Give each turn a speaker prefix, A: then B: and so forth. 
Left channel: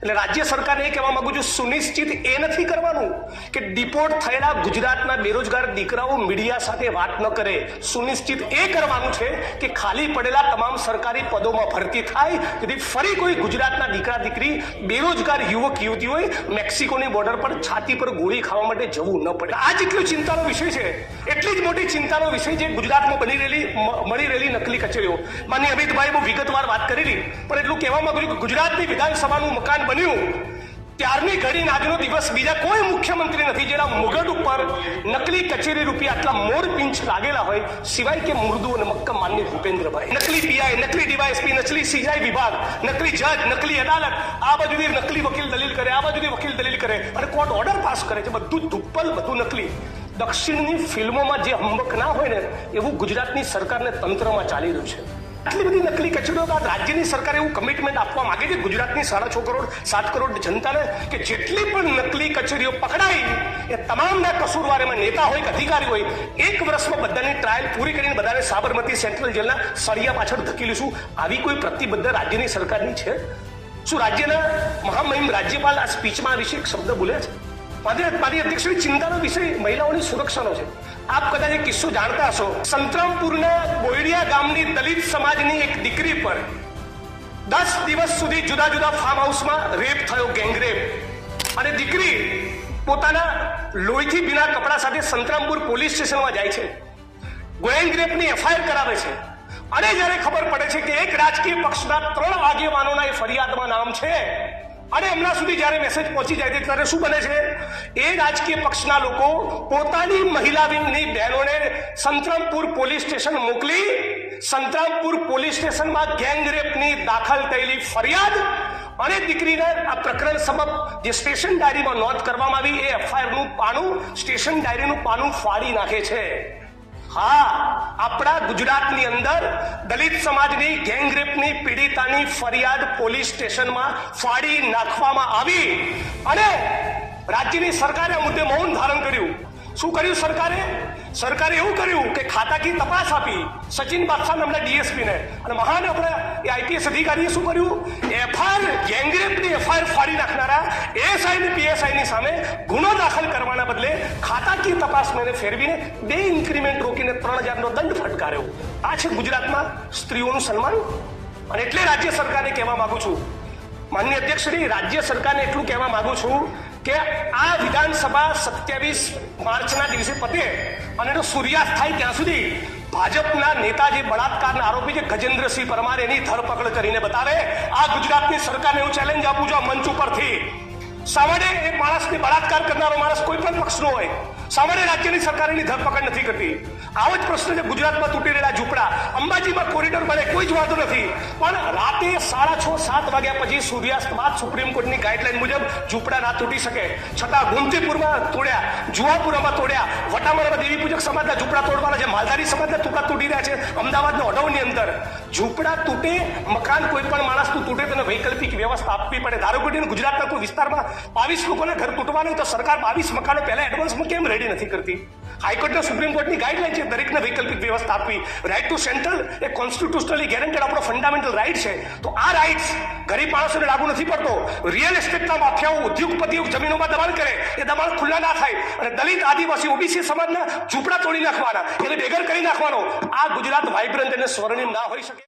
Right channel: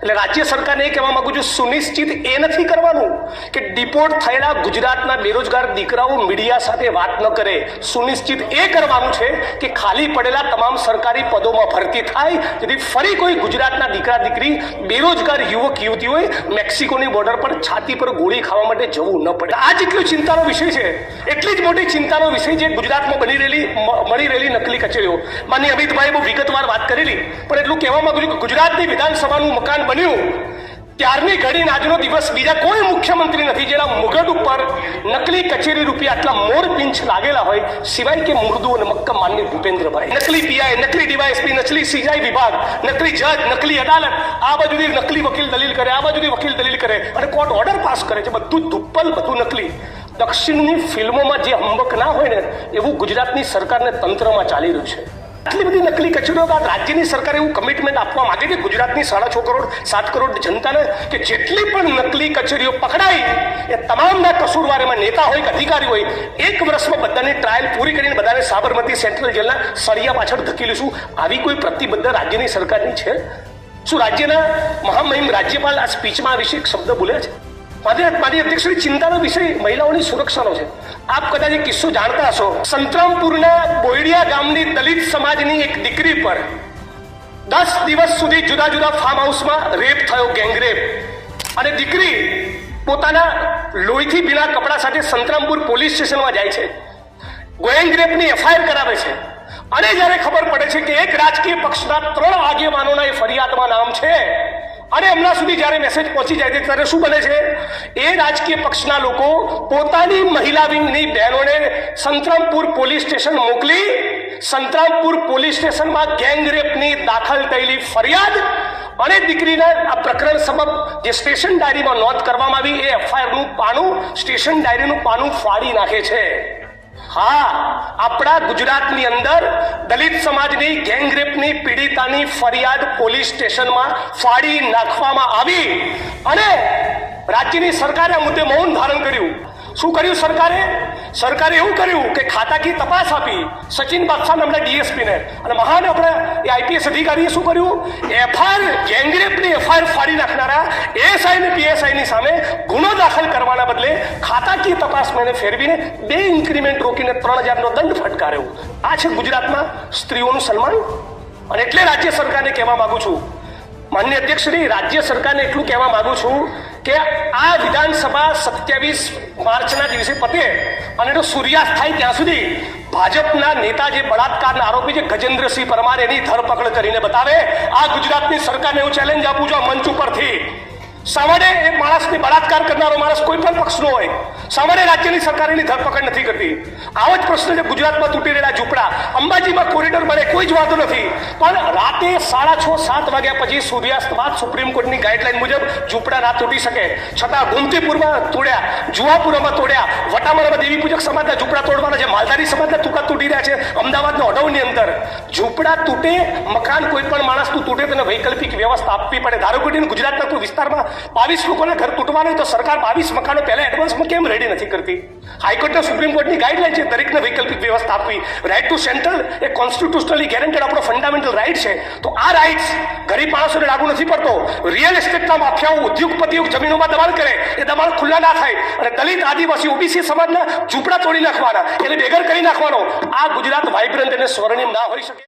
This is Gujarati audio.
A: એટલે રાજ્ય સરકારને એ કહેવા માંગુ છું સુનિશ્ચિત એ નથી કરવાનું કે ડિપોર્ટ થયેલા ગુજરાતના બેરોજગાર દીકરાઓ મીડિયા સાથે વાત ન કરે સુનિશ્ચિત એ કરવાનું છે કે ખાલી પડેલા તમામ સરકારી પદોમાં ભરતી થાય જેથી ફરી કોઈ ગુજરાતના દીકરા દીકરી બેરોજગાર યુવક યુવતીઓએ મેક્સિકોની બોર્ડર પર છાતી પર ગોળી ખાવા માટે જવું ન પડે આ જેટલી ચિંતાનો વિષય છે એટલી જ મોટી ચિંતાનો વિષય છે ગુજરાતમાં બની રહેલી મળી રહેલી નકલી કચેરીઓ માની અમિતભાઈ બહુ વિગતવાર વાત કરેલી પણ એટલું કહેવા માંગુ છું કે ગુજરાતની વિધાનસભાનું મકાન બન્યું ત્યારની ઘડીને આજનો દિવસ બીજા કોઈ મુખ્યમંત્રી નથી જેના મુગટ ઉપર નકલી કચેરી રૂપિયા આટલા મોર પિંચ લાગેલા હોય સિવાય કે મુર્દુ અને મક્કમ માન્ય ભૂપેન્દ્રભાઈ નકલી પીઆઈ નકલી ડીવાયએસપી નકલી સીઆઈ વિભાગ નકલી જજ નકલી અદાલત આ બાજુથી નકલી વકીલ દલીલ કરે આ બાજુથી વકીલ દલીલ કરે અને કોર્ટ ઓર્ડર પાસ કરે છે બધું ધુપ્પલ બધું નકલી દક્ષિણની ફિલ્મોમાં જે અંબક ના હોય ને એવું ગુજરાતની સરકારને તંત્રમાં ચાલી રહ્યું છે આટલી બધી નકલી કચેરીઓ બાદ રાજ્યની સરકારે એવું કમિટમેન્ટ આપવા માંગે છે ગુજરાતની સાડા છ કરોડ સાત કરોડ જનતાને કે જેટલી પણ નકલી કચેરીઓ પકડાય એ તમામના કસૂરવાર એમાં નેતા હોય કે અધિકારી હોય એક વર્ષમાં બધાની ટ્રાયલ પૂરી કરીને બધાને સાબરમતી સેન્ટ્રલ જેલના સળિયા પાછળ ધકેલીશું આવી કોઈ પ્રતિબદ્ધ રાજ્યની સરકારની છે શું રાજ્યના મહામહિમ રાજ્યપાલ આ સ્પીચમાં આ વિશે શબ્દ બોલ્યા છે મારી અધ્યક્ષની ચિંતાનો વિષય મહિલાઓની સુરક્ષાનો છે આપ કદાચ એ કિસ્સો જાણતા હશો સંતરામપુરના બોયડિયા ગામની દલિત સમાજની એક દીકરી પર દસ દિવસ સુધી જુદા જુદા ફાર્મ હાઉસમાં રેપ થયો ગેંગરેપ અને દીકરી પોતાના લોહીથી ભીના કપડા સાથે સંતરામપુર પોલીસ સ્ટેશનમાં જાય છે ગેંગરેપની એફઆઈઆર કરાવે છે અને જ્યારે ખબર પડે છે કે એક રાજકીય પક્ષના ત્રણ આગેવાનોના એ અને એમના સુધી જ્યારે મેસેજ પહોંચી જાય છે ત્યારે શું બને છે એ રાજકીય પક્ષના લોકો પોતાની મહિલા વિંગની બહેનોને સંતરામપુર પોલીસ સ્ટેશન મોકલી સંતરામપુર પોલીસ સ્ટેશનમાં ગેંગરેપની દાખલ થયેલી ફરિયાદ અને દીકરીના આ પ્રકરણ સબબ જે સ્ટેશન ડાયરીમાં નોંધ કરવામાં આવી એ એફઆઈઆરનું પાનું સ્ટેશન ડાયરીનું પાનું ફાડી નાખે છે હા આપણા ગુજરાતની અંદર દલિત સમાજની ગેંગરેપની પીડિતાની ફરિયાદ પોલીસ સ્ટેશનમાં ફાડી નાખવામાં આવી અને રાજ્યની સરકારે આ મુદ્દે મૌન ધારણ કર્યું શું કર્યું સરકારે સરકારે એવું કર્યું કે ખાતાકી તપાસ આપી સચિન બાદશાહ નામના ડીએસપીને અને મહાન આપણે એ આઈપીએસ અધિકારીએ શું કર્યું એફઆઈઆર ગેંગરેપની એફઆઈઆર ફાડી નાખનારા એએસઆઈ અને પીએસઆઈની સામે ગુનો દાખલ કરવાના બદલે ખાતાકી તપાસને ફેરવીને બે ઇન્ક્રીમેન્ટ રોકીને ત્રણ હજારનો દંડ ફટકાર્યો આ છે ગુજરાતમાં સ્ત્રીઓનું સન્માન અને એટલે રાજ્ય સરકારને કહેવા માગું છું માન્ય અધ્યક્ષશ્રી રાજ્ય સરકારને એટલું કહેવા માગું છું કે આ વિધાનસભા સત્યાવીસ માર્ચના દિવસે પતે અને એનો સૂર્યાસ્ત થાય ત્યાં સુધી ભાજપના નેતા જે બળાત્કારના આરોપી છે ગજેન્દ્રસિંહ પરમાર એની ધરપકડ કરીને બતાવે આ ગુજરાતની સરકારને હું ચેલેન્જ આપું છું આ મંચ ઉપરથી સામાન્ય એ માણસની બળાત્કાર કરનારો માણસ કોઈ પણ પક્ષનો હોય સામાન્ય રાજ્યની સરકારની ધરપકડ નથી કરતી આવો જ પ્રશ્ન છે ગુજરાતમાં તૂટી રહેલા ઝૂંપડા અંબાજીમાં કોરિડોર બને કોઈ જ વાંધો નથી પણ રાતે સાડા છ સાત વાગ્યા પછી સૂર્યાસ્ત બાદ સુપ્રીમ કોર્ટની ગાઈડલાઈન મુજબ ઝૂંપડા ના તૂટી શકે છતાં ગુમતીપુરમાં તોડ્યા જુવાપુરામાં તોડ્યા વટામરામાં દેવી પૂજક સમાજના ઝૂંપડા તોડવાના છે માલધારી સમાજના તૂટા તૂટી રહ્યા છે અમદાવાદના અડવની અંદર ઝૂંપડા તૂટે મકાન કોઈ પણ માણસનું તૂટે તેને વૈકલ્પિક વ્યવસ્થા આપવી પડે ધારો કે ગુજરાતના કોઈ વિસ્તારમાં બાવીસ લોકોના ઘર તૂટવાના તો સરકાર બાવીસ મકાનો પહેલા એડવાન્સમાં કેમ રેડી નથી કરતી હાઈકોર્ટના સુપ્રીમ કોર્ટની ગાઈડલાઈન છે દરેકને વૈકલ્પિક વ્યવસ્થા આપવી right to central a constitutionally guaranteed આપણો ફંડામેન્ટલ રાઇટ છે તો આ રાઇટ્સ ગરીબ માણસોને લાગુ નથી પડતો રિયલ એસ્ટેટના માફિયાઓ ઉદ્યોગપતિઓ જમીનોમાં દબાણ કરે એ દબાણ ખુલ્લા ના થાય અને દલિત આદિવાસી ઓબીસી સમાજના ઝૂંપડા તોડી નાખવાના એને બેગર કરી નાખવાનો આ ગુજરાત વાઇબ્રન્ટ અને સ્વર્ણિમ ના હોઈ શકે